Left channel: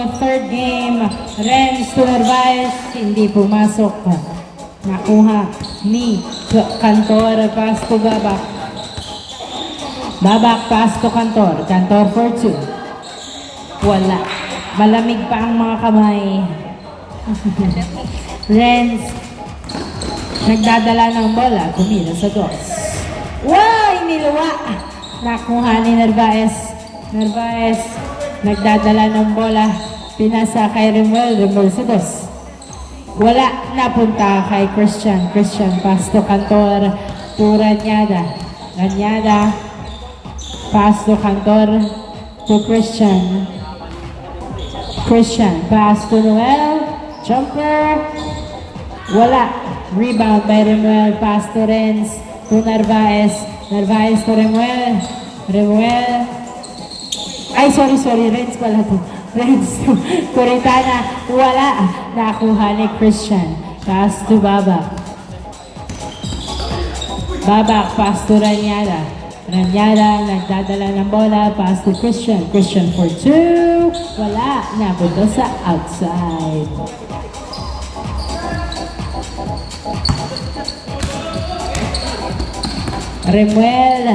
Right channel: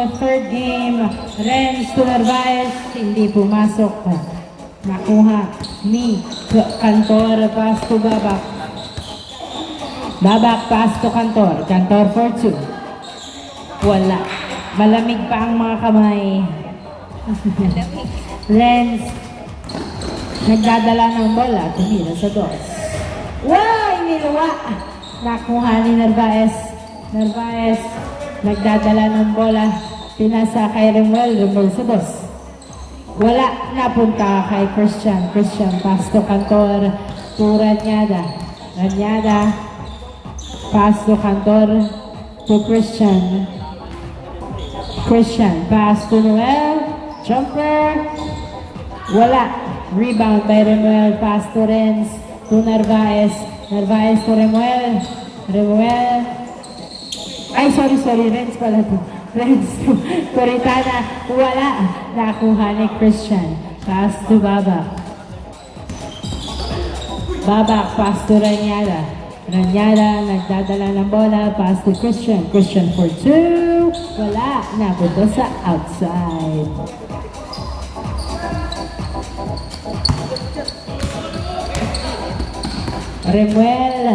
the third game. Renz to Narvaez, hindi pumasok. Nakuha ni Cantor, pass to Babak. Babak, pass to Cantor. Cantor for 2. Wala. Malamig pa ang mga kamay. Renz, nagdadala ng bola. Tumira sa dos. Wow! Iniluwa. Nakuha ni Narvaez. Narvaez, nagdadala ng bola. Pinasa kay Remuel. Remuel sa dos. Wala. Napunta kay Christian. Christian, pass to Cantor. To Ranyada. Ranyada. Pass to Cantor. To Christian. Christian, pass to Noel. Jumper. Wala. Rebound by Remuel. Pass to Renz. To Narvaez. Narvaez to Remuel. Remuel. Ay, sorry. Renz pala to. Renz to Coritana. Wala. Nakuha ni Christian. Pass to Babak. Babak, pass to Ranyada. Ranyada, nagdadala ng bola. Pass to Christian. Christian for 2. Wala. Napunta sa outside. Remuel.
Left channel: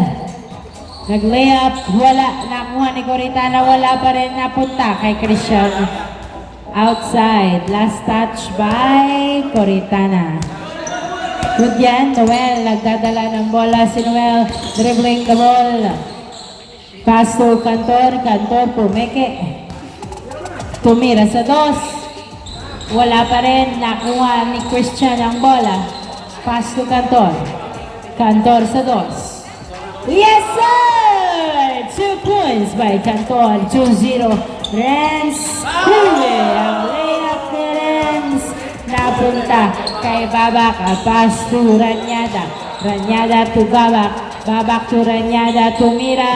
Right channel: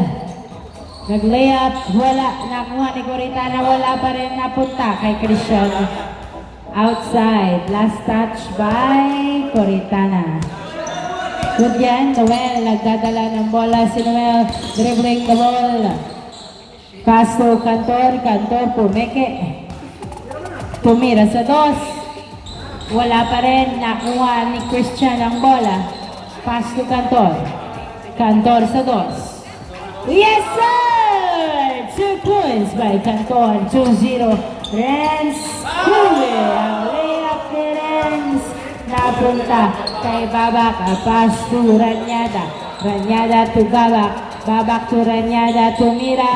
Nag-layup. Wala. Nakuha ni Coritana. Wala pa rin. Napunta kay Christian. Outside. Last touch by Coritana. Good yan. Noel. Nagdadala ng bola si Noel. Dribbling the ball. Pass to Cantor. Cantor pumeke. Tumira sa dos. Wala pa rin. Nakuha ni Christian ang bola. Pass to Cantor. Cantor sa dos. Yes, sir! 2 points by Cantor. 2-0. Renz. Huli. Ang layup ni Renz. Napunta kay Babak. Pass to Ranyada. Ranyada to Babak. Babak to Ranyada. Tumira.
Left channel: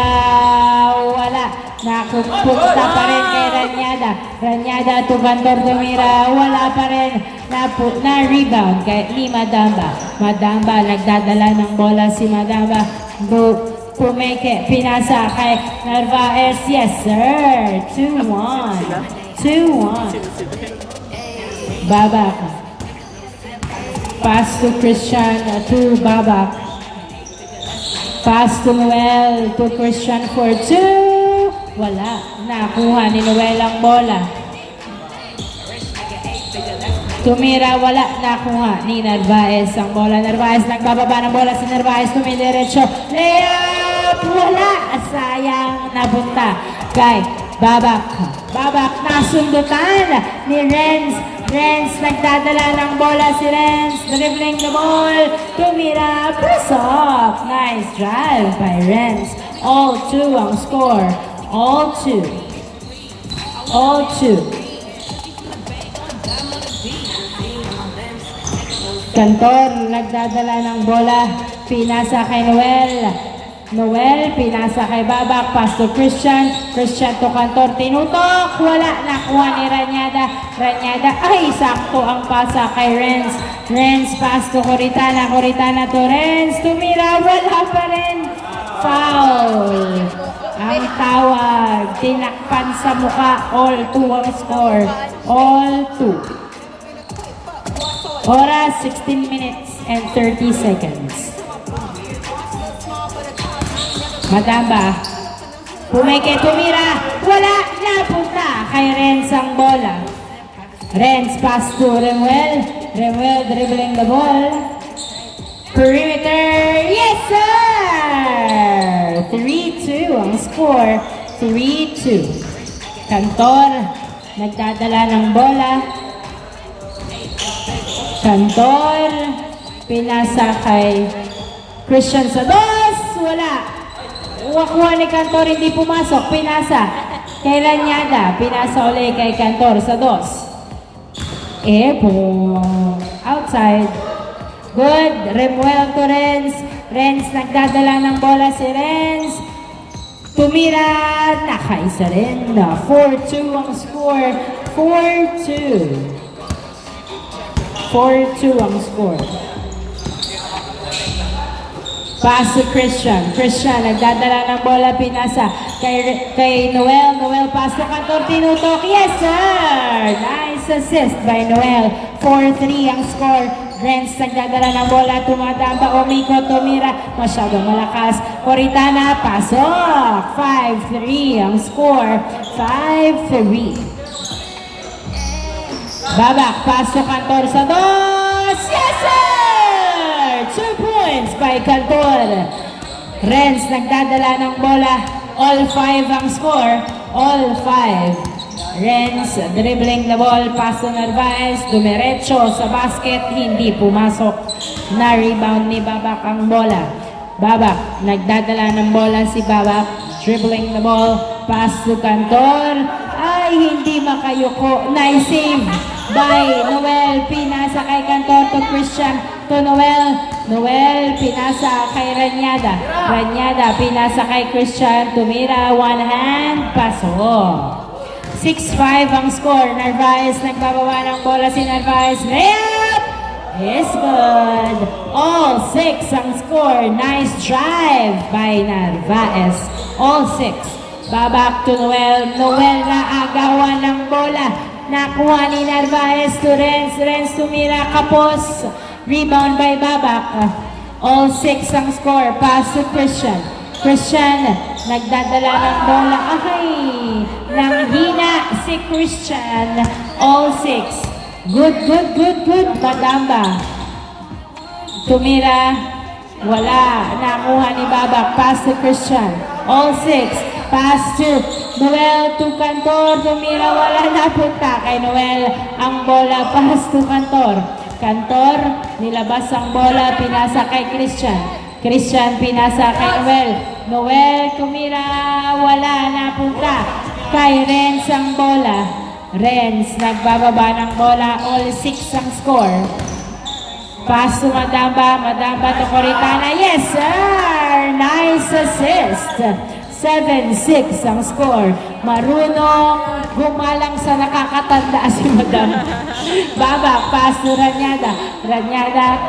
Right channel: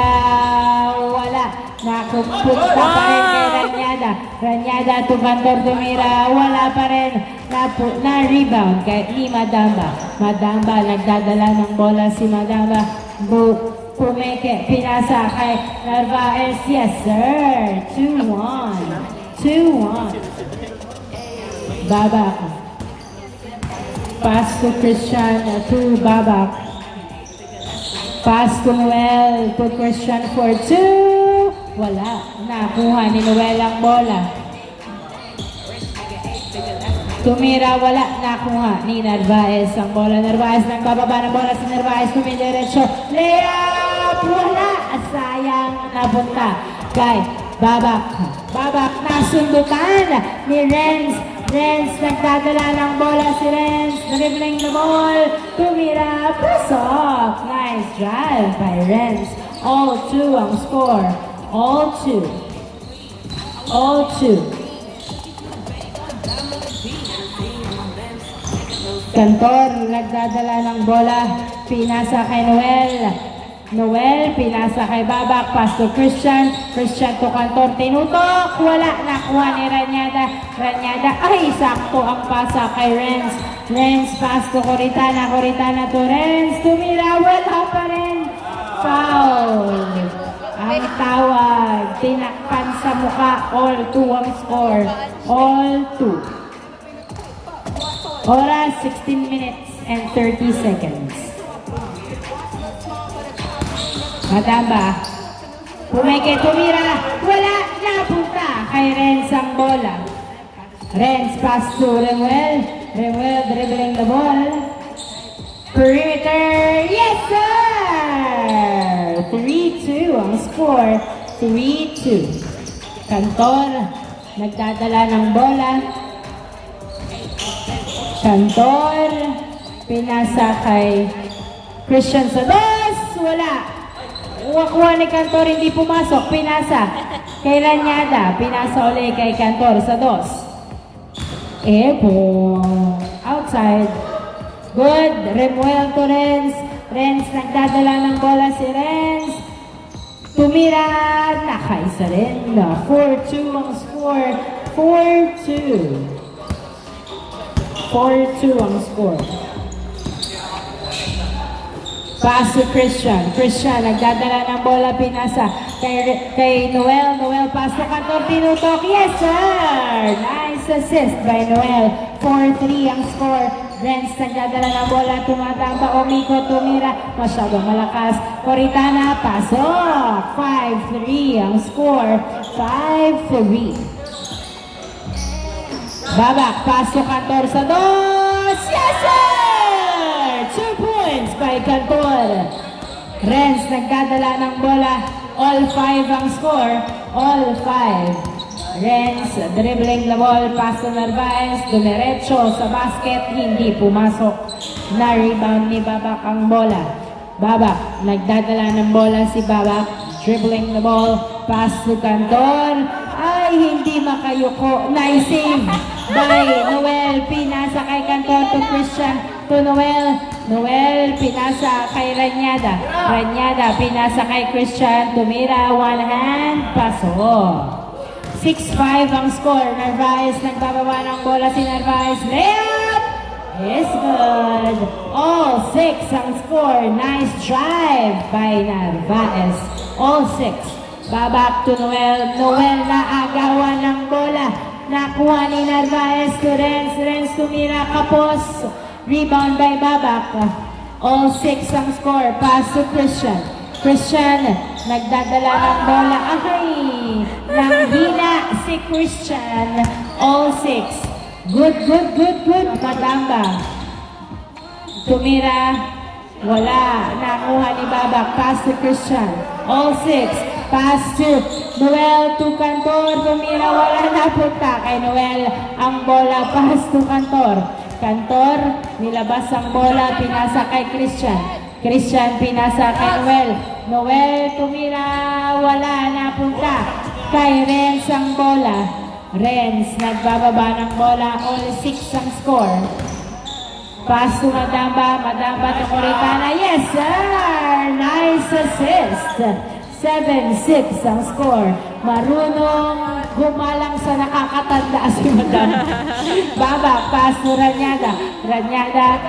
Wala. Nakupunta pa rin kay Ranyada. Ranyada to Cantor. Tumira. Wala pa rin. Na-rebound kay ni Madamba. Madamba, nagdadala ng bola si Madamba. Pumeke, pinasa kay Narvaez. Yes, sir. 2-1. 2-1. Babak. Pass to Christian to Babak. Pass to Noel to Christian for 2. Wala. Nakuha ni Noel ang bola. Tumira, wala. Nakuha ni Narvaez ang bola. Narvaez, nagbababa ng bola si Narvaez. Tumidiretso. Layup! Wala. Sayang. Napunta kay Babak. Babak, nasundutan ni Renz. Renz, nagdadala ng bola si Renz. Dribbling the ball. Tumira. Pasok. Nice drive by Renz. All 2 ang score. All 2. All 2. Cantor, nagdadala ng bola. Pinasa kay Noel. Noel, pinasa kay Babak. Pass to Christian. Christian to Cantor. Tinutok. Wala. Nakuha ni Ranyada. Ranyada. Ay, sakto ang pasa kay Renz. Renz, pass to Coritana. Coritana to Renz. Tumira. Wala pa rin. Foul. Ang tawag. Tinakpan sa mukha. All 2 ang score. All 2. Oras, 16 minutes and 30 seconds. Madamba. Pumeke, tumira. Wala. Napunta kay Renz ang bola. Renz, pass to Remuel. Remuel dribbling the ball. Perimeter. Yes, sir! 3-2 ang score. 3-2. Cantor, nagdadala ng bola. Cantor, pinasa kay Christian sa dos. Wala. Wakuha ni Cantor, hindi pumasok. Pinasa kay Ranyada. Pinasa ulit kay Cantor sa dos. Outside. Good. Remuel to Renz. Renz, nagdadala ng bola si Renz. Tumira. Nakaisa rin. 4-2 ang score. 4-2. 4-2 ang score. Pass to Christian. Christian, nagdadala ng bola, pinasa kay Noel. Noel, pass to Cantor, tinutok. Yes, sir! Nice assist by Noel. 4-3 ang score. Renz, nagdadala ng bola, tumatamba, umikot, tumira. Masyadong malakas. Coritana, pasok. 5-3 ang score. 5-3. Babak, pass to Cantor sa dos. Yes, sir! 2 points by Cantor. Renz, nagdadala ng bola. All 5 ang score. All 5. Renz, dribbling the ball. Pass to Narvaez. Dumiretso sa basket. Hindi pumasok. Na rebound ni Babak ang bola. Babak, nagdadala ng bola si Babak. Dribbling the ball. Pass to Cantor. Ay, hindi makayuko. Nice save by Noel. Pinasa kay Cantor to Christian. To Noel. Noel, pinasa kay Ranyada. Ranyada, pinasa kay Christian. Tumira, one hand, paso. 6-5 ang score. Narvaez, nagbabawa ng bola si Narvaez. Layup! Is good. All 6 ang score. Nice drive by Narvaez. All 6. Babak to Noel. Noel na agawan ng bola. Nakuha ni Narvaez to Renz. Renz tumira, kapos. Rebound by Babak. All 6 ang score. Pass to Christian. Christian, nagdadala ng bola. Ay, nanghina si Christian. All 6. Good. Madamba. Tumira. Wala. Nakuha ni Babak. Pass to Christian. All 6. Pass to Noel to Cantor. Tumira. Wala, napunta kay Noel ang bola. Pass to Cantor. Cantor, nilabas ang bola, pinasa kay Christian. Christian, pinasa kay Noel. Noel, tumira, wala, napunta. Kay Renz ang bola. Renz, nagbababa ng bola, all 6 ang score. Pass to Madamba, Madamba to Coritana. Yes, sir! Nice assist. 7-6 ang score. Marunong gumalang sa nakakatanda si Madamba. Babak, pass to Ranyada. Ranyada,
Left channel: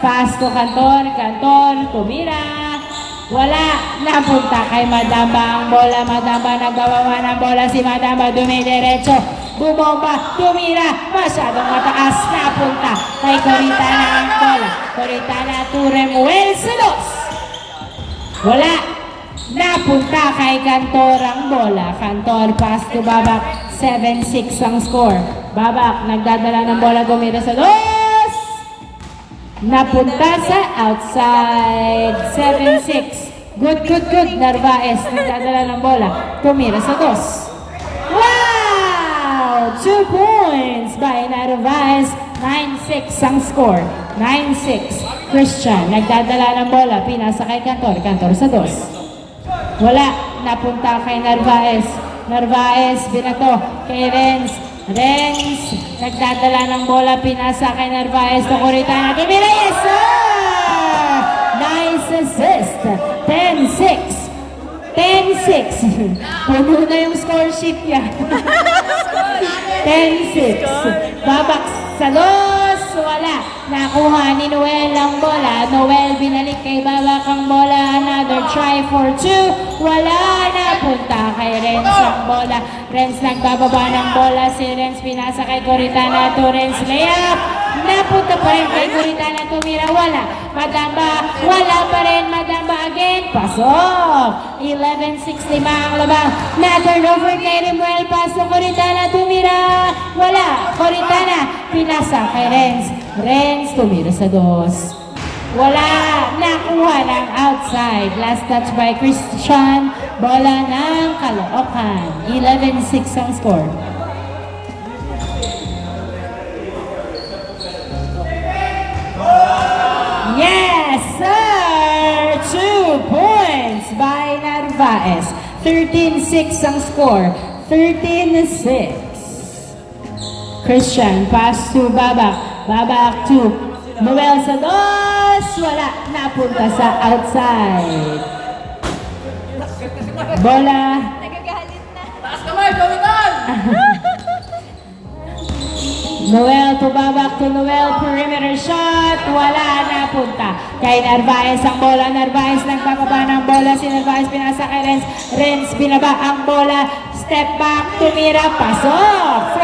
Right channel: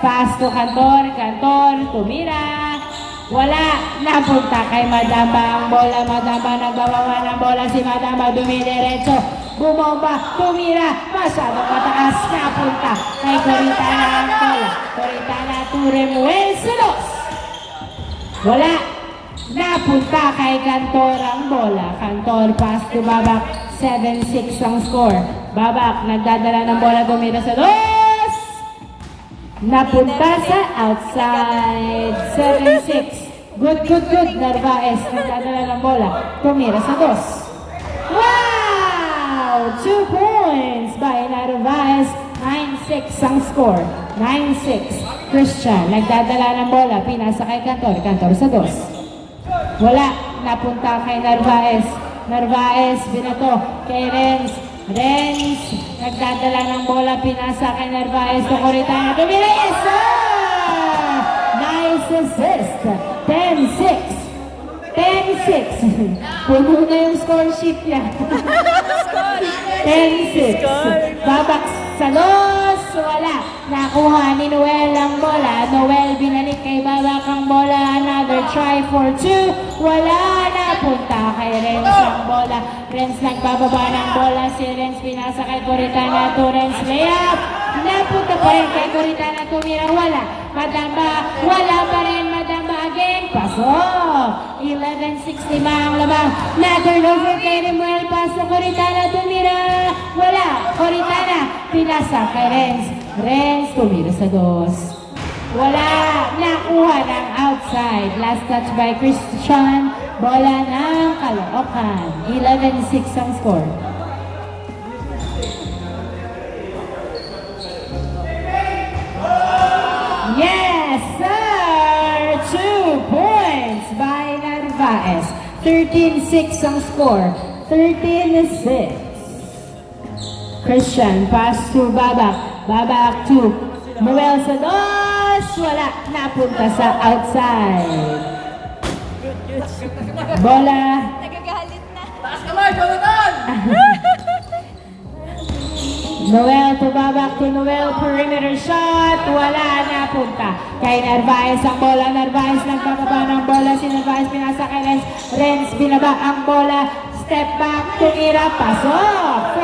pass to Cantor. Cantor, tumira. Wala, napunta kay Madamba ang bola. Madamba, nagbabawa ng bola si Madamba. Dumidiretso, bumomba, tumira. Masyadong mataas, napunta kay Coritana ang bola. Coritana to Remuel Silos. Wala. Napunta kay Cantor ang bola. Cantor, pass to Babak. 7-6 ang score. Babak, nagdadala ng bola, gumira sa dos. Napunta sa outside. 7-6. Good. Narvaez, nagdadala ng bola, tumira sa dos. Wow! 2 points by Narvaez. 9-6 ang score. 9-6. Christian, nagdadala ng bola, pinasa kay Cantor. Cantor sa dos. Wala, napunta kay Narvaez. Narvaez, binato kay Renz. Renz, nagdadala ng bola, pinasa kay Narvaez to Coritana. Tumira, yes sir! Nice assist. 10-6. 10-6. Puno na yung score sheet niya. 10-6. Babak sa dos. Wala. Nakuha ni Noel ang bola. Noel binalik kay Babak ang bola. Another try for 2. Wala. Napunta kay Renz ang bola. Renz nagbababa ng bola. Si Renz pinasa kay Coritana. To Renz layup. Napunta pa rin kay Coritana. Tumira. Wala. Madamba. Wala pa rin. Madamba again. Pasok. 11-6 ang labaw. Na-turnover kay Remuel. Pass sa Coritana. Tumira. Wala. Coritana. Pinasa kay Renz. Renz tumira sa dos. Wala. Nakuha ng outside. Last touch by Christian. Bola ng Caloocan. 11-6 ang score. Yes, sir! 2 points by Narvaez. 13-6 ang score. 13-6. Christian, pass to Babak. Babak to Noel sa dos. Wala. Napunta sa outside. Bola. Nagagalit na. Taas naman, gawin Noel to babak to Noel, perimeter shot, wala na punta. Kay Narvaez ang bola, Narvaez nagpapaba ng bola, si Narvaez pinasa kay Renz, Renz binaba ang bola, step back, tumira, pasok.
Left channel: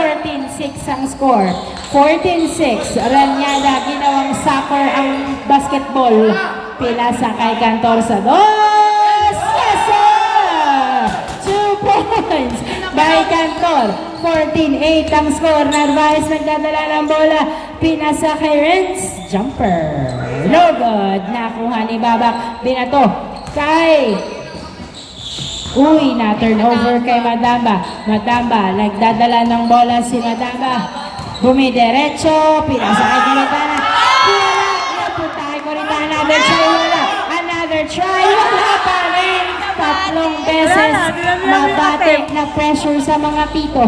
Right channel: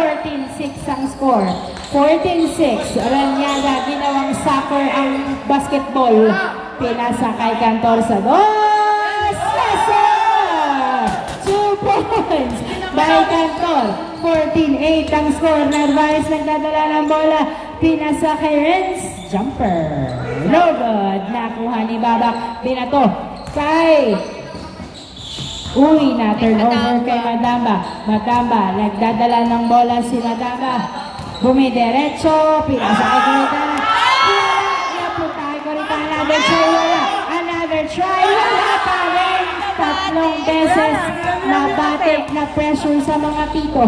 14-6 ang score. 14-6, Ranyada, ginawang soccer ang basketball. Pinasa kay Cantor sa dos. Yes, sir! 2 points by Cantor. 14-8 ang score. Narvaez nagdadala ng bola. Pinasa kay Renz. Jumper. No good. Nakuha ni Babak. Binato kay... Uy, na-turnover kay Madamba. Madamba, nagdadala ng bola si Madamba. Bumidiretso. Pinasa kay Coritana. Napunta kay Coritana. Another try, wala. Another try. Wala pa rin. Tatlong beses mabatik na pressure sa mga pito.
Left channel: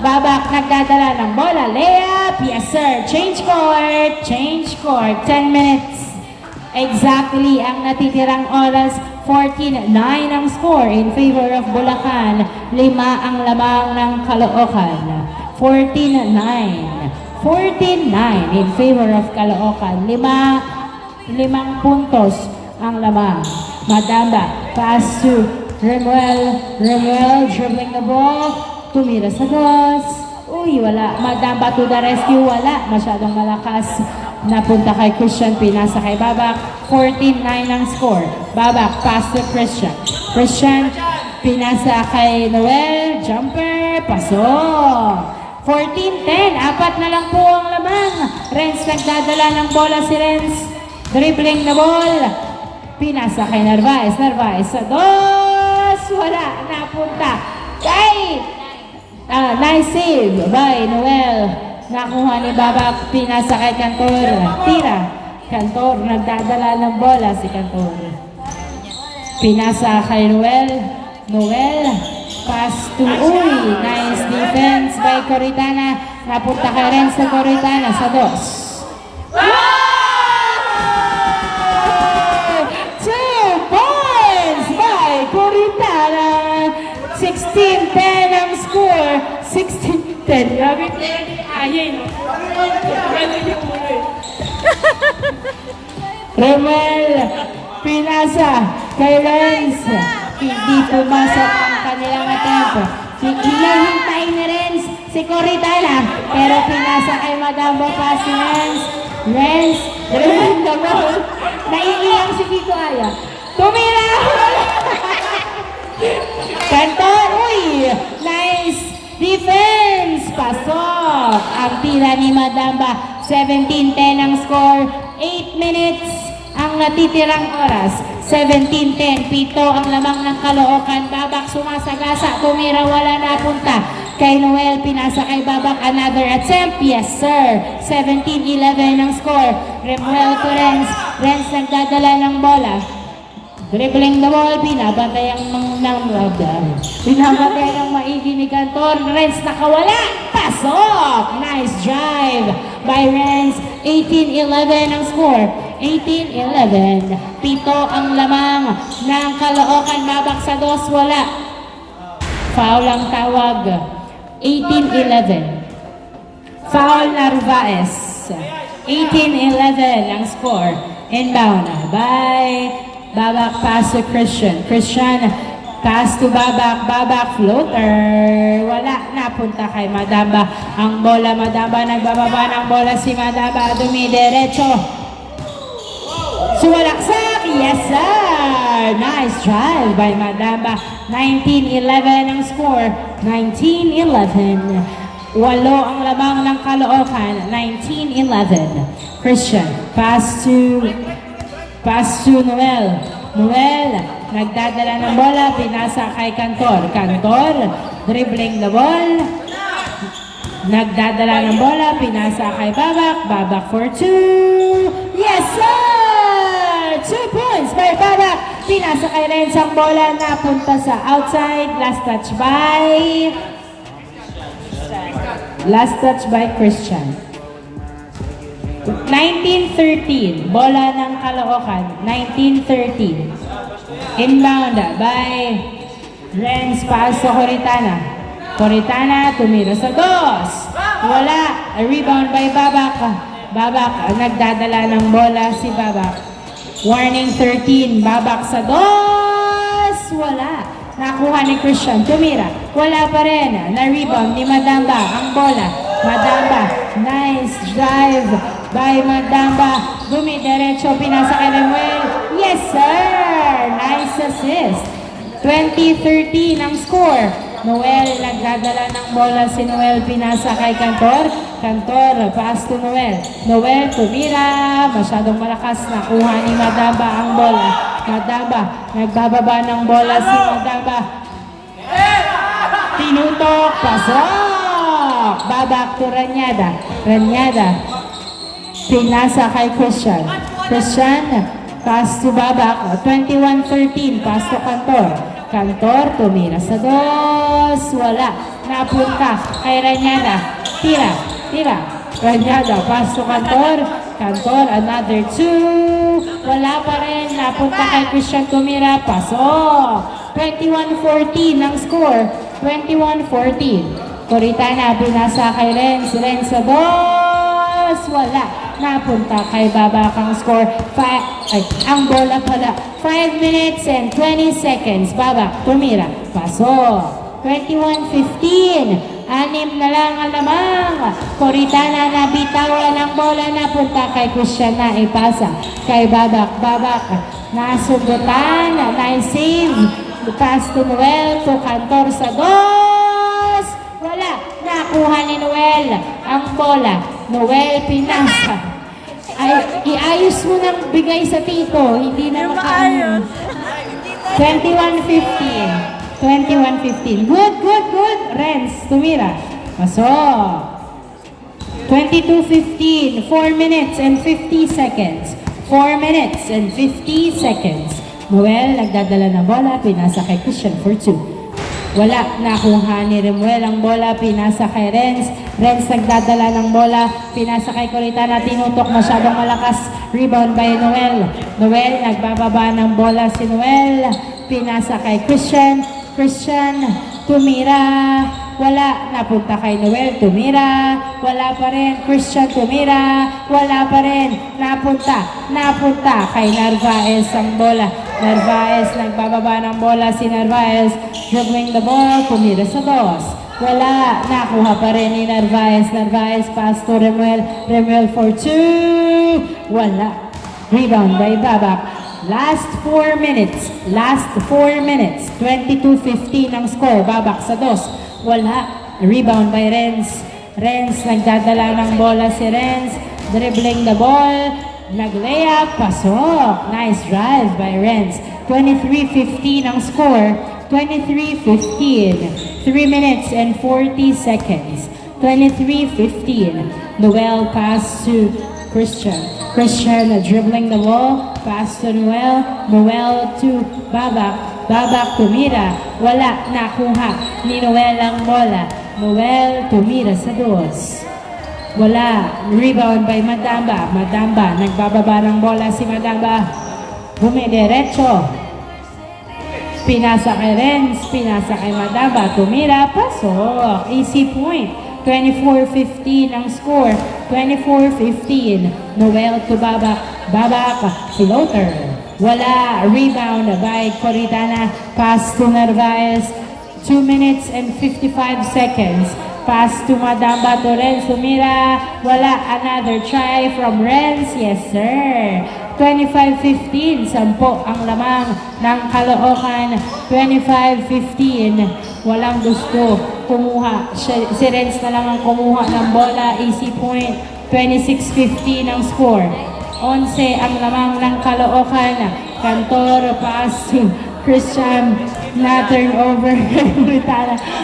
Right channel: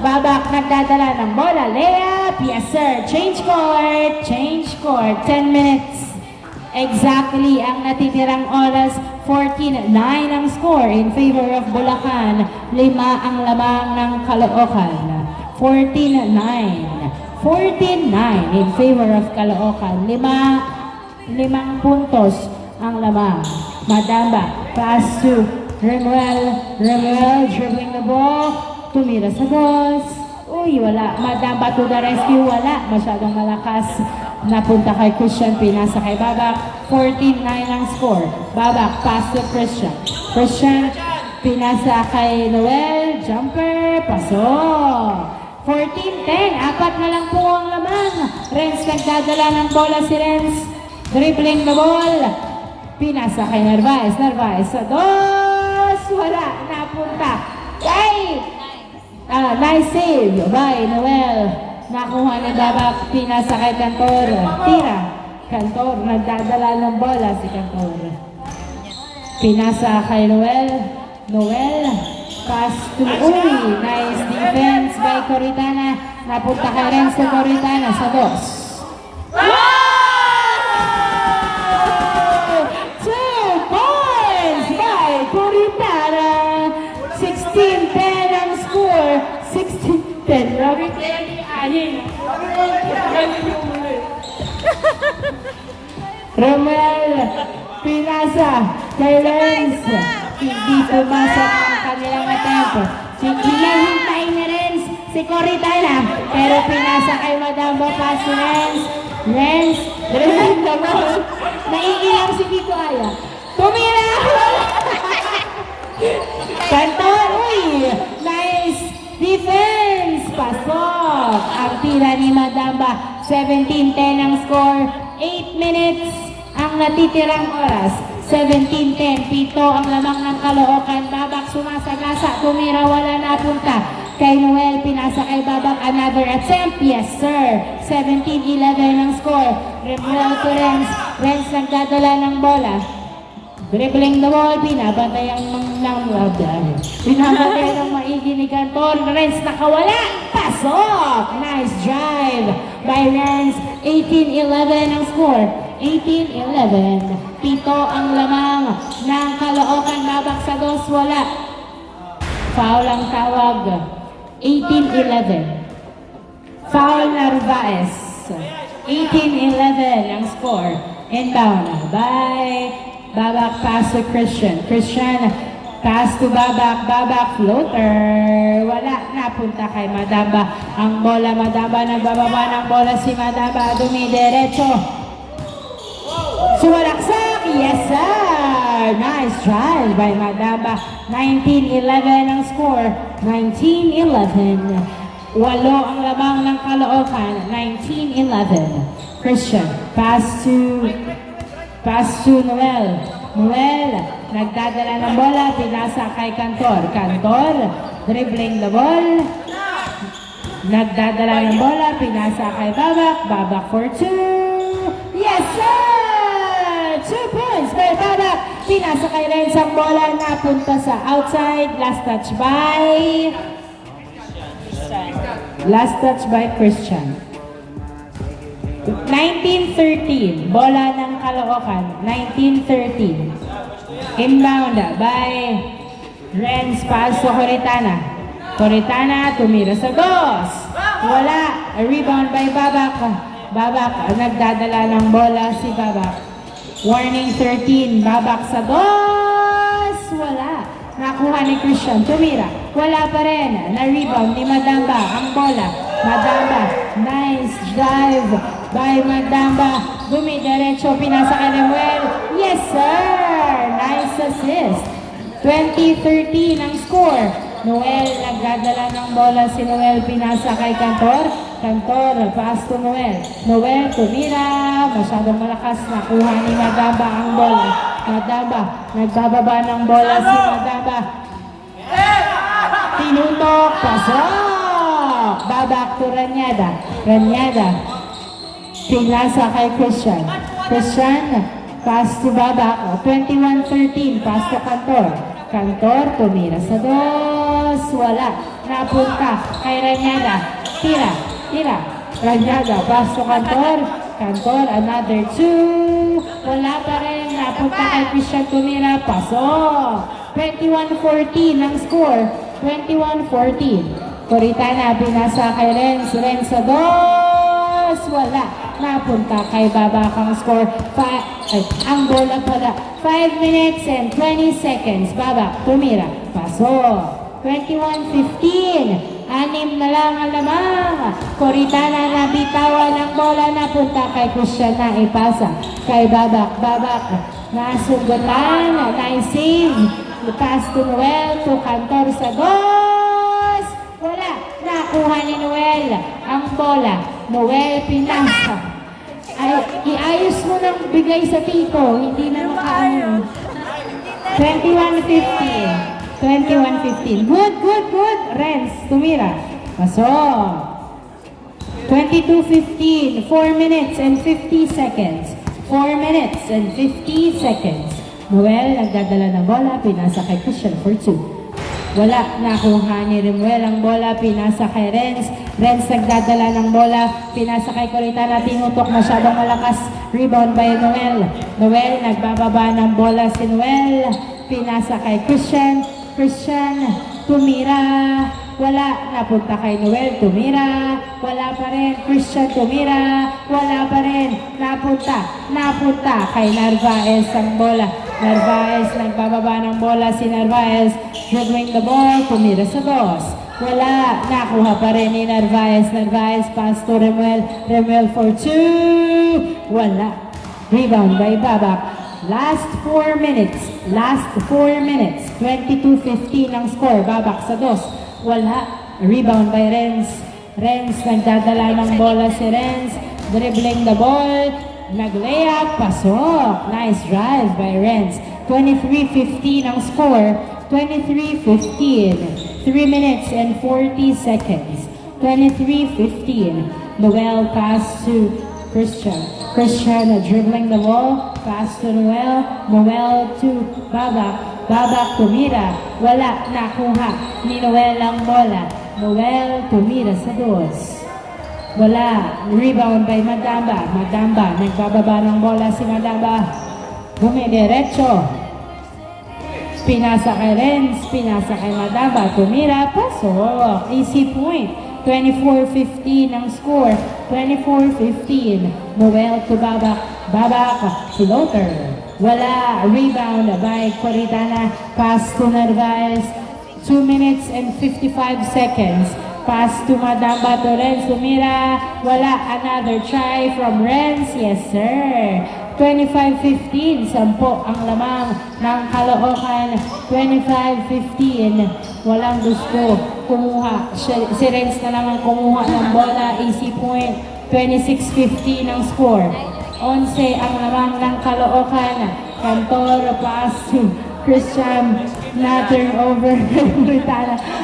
Babak nagdadala ng bola. Layup. Yes, sir. Change court. Change court. 10 minutes. Exactly ang natitirang oras. 14-9 ang score in favor of Bulacan. 5 ang lamang ng Caloocan. 14-9. 14-9 in favor of Caloocan. 5 puntos ang lamang. Madamba, pass to Remuel. Remuel dribbling the ball. Tumira sa dos. Uy, wala. Madamba to the rescue. Wala. Masyadong malakas. Napunta kay Christian. Pinasa kay Babak. 14-9 ang score. Babak, pass to Christian. Christian, pinasa kay Noel. Jumper, pasok. 14-10. Apat na lang po ang lamang. Renz nagdadala ng bola si Renz. Dribbling the ball. Pinasa kay Narvaez. Narvaez sa dos. Wala. Napunta kay... nice save by Noel. Nakuha ni Babak. Pinasa kay Cantor. Tira. Cantor. Nagdadala ng bola si Cantor. Pinasa kay Noel. Noel. Pass to Uy. Nice defense by Coritana. Napunta kay Renz sa Coritana sa dos. 2 points by Coritana. 16-10 ang score. 16-10. Grabe ko yung ayin. Romel, pinasa kay Renz. Hindi pumasok ang kanilang attempt. Hinahintay ni Renz si Coritana. Pero pinasa kay Madamba pa si Renz. Renz, dribbling. Naiiyak si Tito Aya. Tumira! Cantor, uy! Nice defense! Pasok! Ang tira ni Madamba. 17-10 ang score. 8 minutes ang natitirang oras. 17-10. Pito ang lamang ng Caloocan. Babak sumasagasa. Tumira, wala napunta. Kay Noel, pinasa kay Babak. Another attempt. Yes, sir. 17-11 ang score. Remuel to Renz. Renz nagdadala ng bola. Dribbling the ball, binabantay ang binabantay ang maigi ni Cantor. Renz nakawala. Pasok! Nice drive by Renz. 18-11 ang score. 18-11. Pito ang lamang ng Caloocan. Babak sa dos, wala. Foul ang tawag. 18-11. Foul Narvaez. 18-11 ang score. Inbound by Babak, pass to Christian. Christian, pass to Babak. Babak, floater. Wala, napunta kay Madamba. Ang bola, Madamba, nagbababa ng bola si Madamba. Dumidiretso. Suwalaksak. Yes, sir. Nice drive by Madamba. 19-11 ang score. 19-11. 8 ang lamang ng Caloocan. 19-11. Christian, pass to Noel. Noel, nagdadala ng bola, pinasa kay Cantor. Cantor, dribbling the ball. Nagdadala ng bola, pinasa kay Babak. Babak for 2. Yes, sir! 2 points by Babak. Pinasa kay Renz ang bola, napunta sa outside. Last touch by Christian. 19-13, bola ng Caloocan. 19-13. Inbound by Renz, pass sa Coritana. Coritana, tumira sa dos. Wala. A rebound by Babak. Babak, nagdadala ng bola si Babak. Warning 13. Babak sa dos. Wala. Nakuha ni Christian. Tumira. Wala pa rin. Na-rebound ni Madamba. Ang bola. Madamba. Nice drive by Madamba. Dumidiretso. Pinasa kay Noel. Yes, sir! Nice assist. 20-13 ang score. Noel, nagdadala ng bola si Noel. Pinasa kay Cantor. Cantor, pass to Noel. Noel, tumira. Masyadong malakas. Nakuha ni Madamba ang bola. Madamba, nagbababa ng bola si Madamba. Tinutok, pasok! Babak to Ranyada. Ranyada, pinasa kay Christian. Christian, pass to Babak. 21-13, pass to Cantor. Cantor, tumira sa dos. Wala. Napunta kay Ranyada. Tira. Tira. Ranyada, pass to Cantor. Cantor, another two. Wala pa rin. Napunta kay Christian tumira. Pasok. 21-14 ang score. 21-14. Coritana, binasa kay Renz. Renz sa dos. Wala. Napunta kay Babak ang score. Ang bola pala. 5 minutes and 20 seconds. Babak, tumira. Pasok. 21-15. 6 na lang ang lamang. Coritana na bitawan ng bola na punta kay Christian na ipasa kay Babak. Babak nasugutan. Nice save. Pass to Noel to Cantor sa dos. Wala. Nakuha ni Noel ang bola. Noel pinasa. Ay, iayos mo ng bigay sa tito. Hindi na makaano. 21-15. 21-15. Good, good, good. Renz, tumira. Pasok. 22-15. 4 minutes and 50 seconds. 4 minutes and 50 seconds. Noel, nagdadala ng bola. Pinasa kay Christian for 2. Wala. Nakuha ni Remuel ang bola. Pinasa kay Renz. Renz, nagdadala ng bola. Pinasa kay Coritana. Tinutok. Masyadong malakas. Rebound by Noel. Noel, nagbababa ng bola si Noel. Pinasa kay Christian. Christian, tumira. Wala. Napunta kay Noel, tumira. Wala pa rin. Christian, tumira. Wala pa rin. Napunta kay Narvaez ang bola. Narvaez, nagbababa ng bola si Narvaez. Dribbling the ball, tumira sa dos. Wala. Nakuha pa rin ni Narvaez. Narvaez, pass to Remuel. Remuel for 2. Wala. Rebound by Babak. Last 4 minutes. Last 4 minutes. 22-15 ang score. Babak sa dos. Wala. Rebound by Renz. Renz, nagdadala ng bola si Renz. Dribbling the ball. Nag-layup. Pasok. Nice drive by Renz. 23-15 ang score. 23-15. 3 minutes and 40 seconds. 23-15. Noel pass to Christian. Christian dribbling the ball. Pass to Noel. Noel to Babak. Babak tumira. Wala. Nakuha ni Noel ang bola. Noel tumira sa dos. Wala. Rebound by Madamba. Madamba. Nagbababa ng bola si Madamba. Bumidiretso. Pinasa kay Renz. Pinasa kay Madamba. Tumira. Pasok. Easy point. 24-15 ang score. 24-15. Noel to Babak. Babak. Floater. Wala. Rebound by Coritana. Pass to Narvaez. 2 minutes and 55 seconds. Pass to Madamba to Renz. Tumira. Wala. Another try from Renz. Yes, sir. 25-15. 10 ang lamang ng Caloocan. 25-15. Walang gusto kumuha. Si Renz na lang ang kumuha ng bola. Easy point. 26-15 ang score. 11 ang lamang ng Caloocan. Cantor pass to Christian. Na turnover.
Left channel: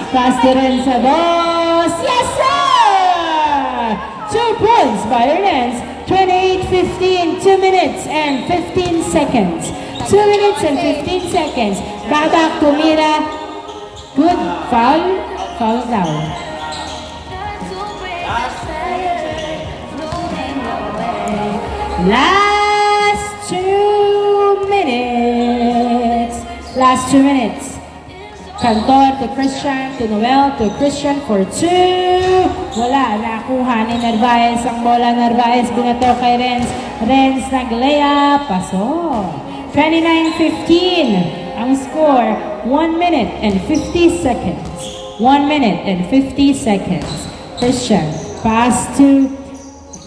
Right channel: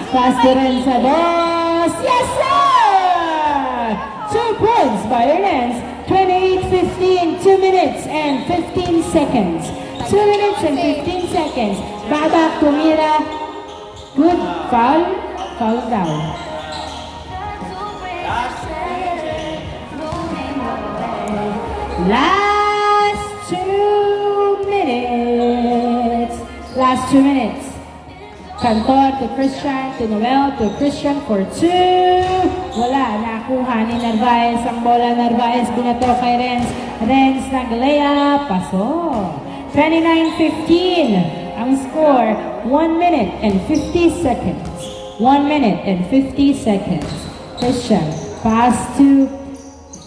Pass to Renz sa boss. Yes, sir! 2 points by Renz. 28-15. 2 minutes and 15 seconds. 2 minutes and 15 seconds. Babak tumira. Good. Foul. Foul down. Last 2 minutes. Last 2 minutes. Cantor to Christian, to Noel, to Christian for 2. Wala na. ni Narvaez ang bola. Narvaez binato kay Renz. Renz nag-layup. Paso. 29-15 ang score. 1 minute and 50 seconds. 1 minute and 50 seconds. Christian, pass to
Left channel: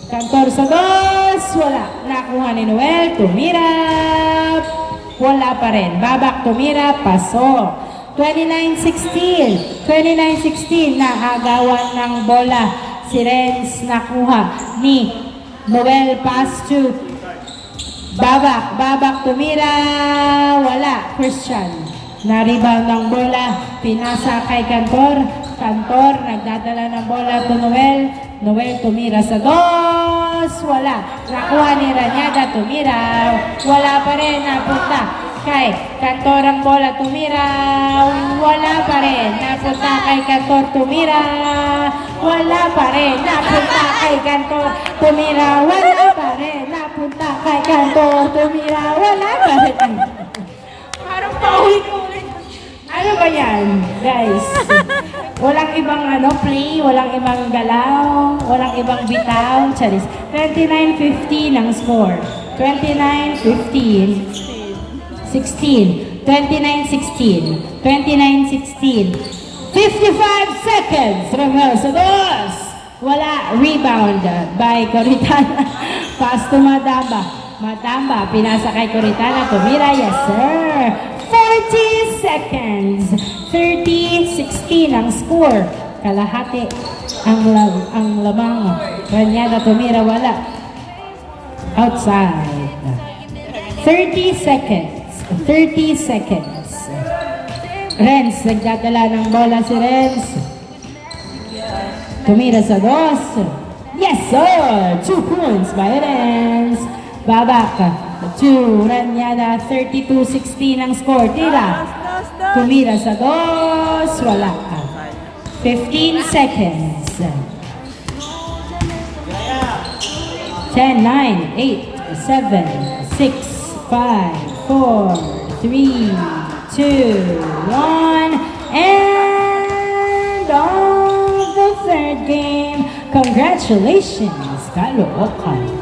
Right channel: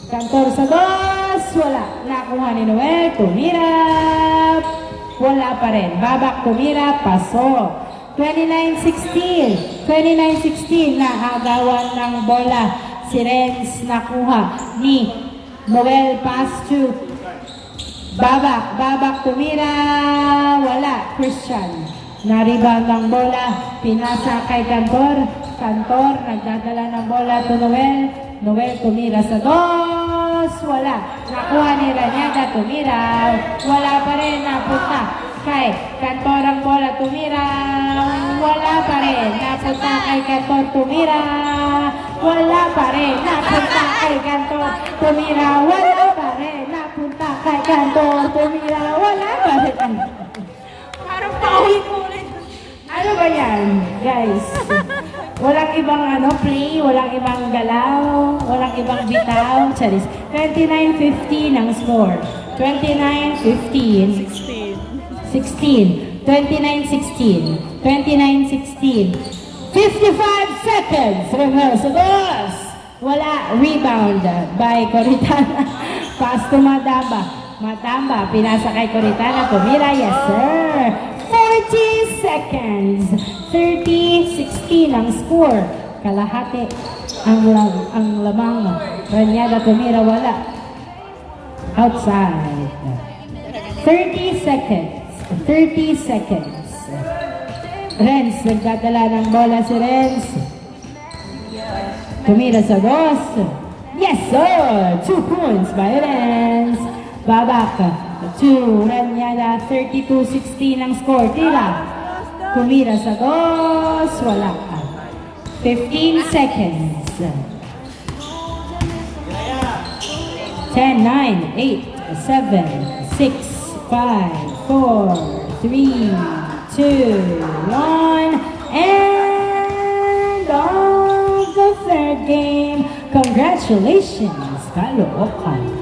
Cantor sa dos. Wala. Nakuha ni Noel. Tumirap. Wala pa rin. Babak tumirap. Paso. 29-16. 29-16 na agawan ng bola. Si Renz nakuha ni Noel. Pass to Babak. Babak tumira. Wala. Christian. Na-rebound ng bola. Pinasa kay Cantor. Cantor nagdadala ng bola to Noel. Noel tumira sa dos. Wala. Nakuha ni Raniaga. Tumira. Wala pa rin. Napunta kay Cantor ang bola. Tumira. Wala pa rin. Napunta kay Cantor. Tumira. Wala pa rin. Napunta kay Cantor. Tumira. Wala pa rin. Napunta kay Cantor. Tumira. Wala pa rin. Parang pauwi ko ulit. Ano ba yan, guys? Walang ibang play, walang ibang galaw, walang ibang bitaw. Charis. 29-15 ang score. 29-15. 16. 29-16. 29-16. 55 seconds. Romeo sa dos. Wala. Rebound by Coritana. Pass to Madamba. Madamba. Pinasa kay Coritana. Tumira. Yes, sir. 40 seconds. 30-16 ang score. Kalahati ang lamang. Raniaga tumira. Wala. Outside. 30 seconds. 30 seconds. Renz, nagdadala ng bola si Renz. Tumira sa dos. Yes, sir! 2 points by Renz. Babak to Raniaga. 32-16 ang score. Tira. Tumira sa dos. Wala. 15 seconds. 10, 9, 8, 7, 6, 5, 4, 3, 2, 1, and on the third game. Congratulations, Caloocan.